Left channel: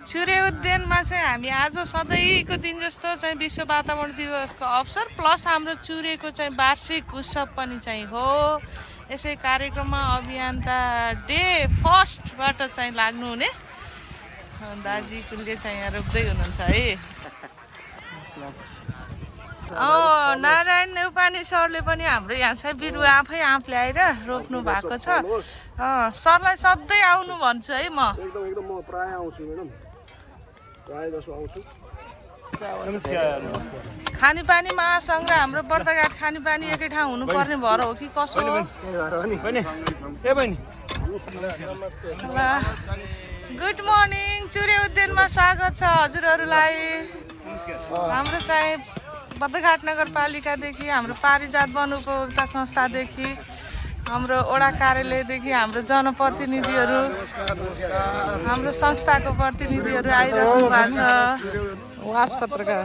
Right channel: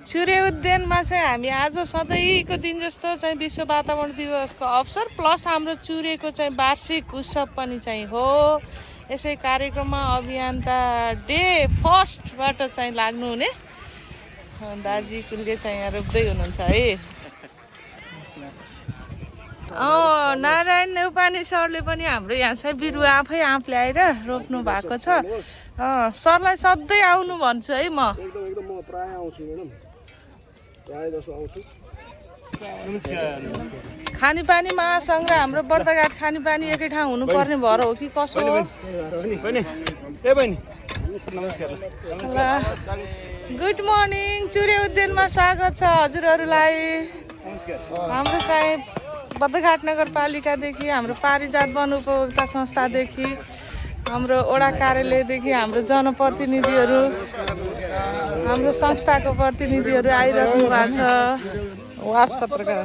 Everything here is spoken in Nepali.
चुरे उद्यानमा चाहिँ हामी आज सधैँको दिन जस्तो चाहिँ विश्व वातावरण दिवसको अवसर प्लस हाम्रो चुरेको चाहिँ वार्षिक उत्सव पनि चाहिँ हो। यसै कार्यक्रममा अभियन्ता डे फर्स्टबाट चाहिँ लाग्नुहुने दाजी कुलले चाहिँ यहाँ रोप्दै हुनुहुन्छ है। नारायण नेउपाने सरले पनि हाम्रो यहाँ चाहिँ बिरुवा आफै आँप ल्याएर रोप्नु भएको छ। सरलाई सधैँ आउनु भन्छु है म। एकदम म प्राय आउँछु मैडम, प्राय जसो आउँछु। खानेपानी महासङ्घ र हाम्रो बर्दघाट खानेपानी एकै ठाउँ हुनुपर्ने भएर हो कि कसो हो? गुड मर्निङ, चुरे उद्यानमा स्वागत छ हजुरहरूलाई। हाम्रो चाहिँ बर्दघाट नगरपालिकादेखि, हाम्रो पारिजात वन उपभोक्ता संस्थादेखि, हाम्रो वडा कार्यालयदेखि हाम्रो जनप्रतिनिधिहरू, हाम्रो संस्थाको प्रतिनिधिहरू आइरहनु भएको छ। वास पत्रकार